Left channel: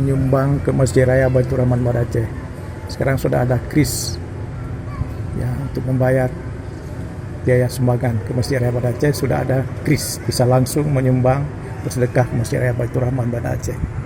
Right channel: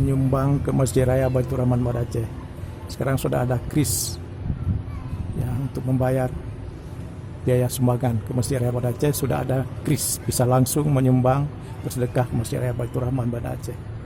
penyumbang ke Masjid Raya Baitur Rahman Banda Aceh. Sekarang sudah ada kris ya untuk membayar biaya sumbangan ke Masjid Raya Banda Aceh. Sudah ada kris, bisa langsung menyumbang bersedekah ke Masjid Raya Baitur Rahman Banda Aceh.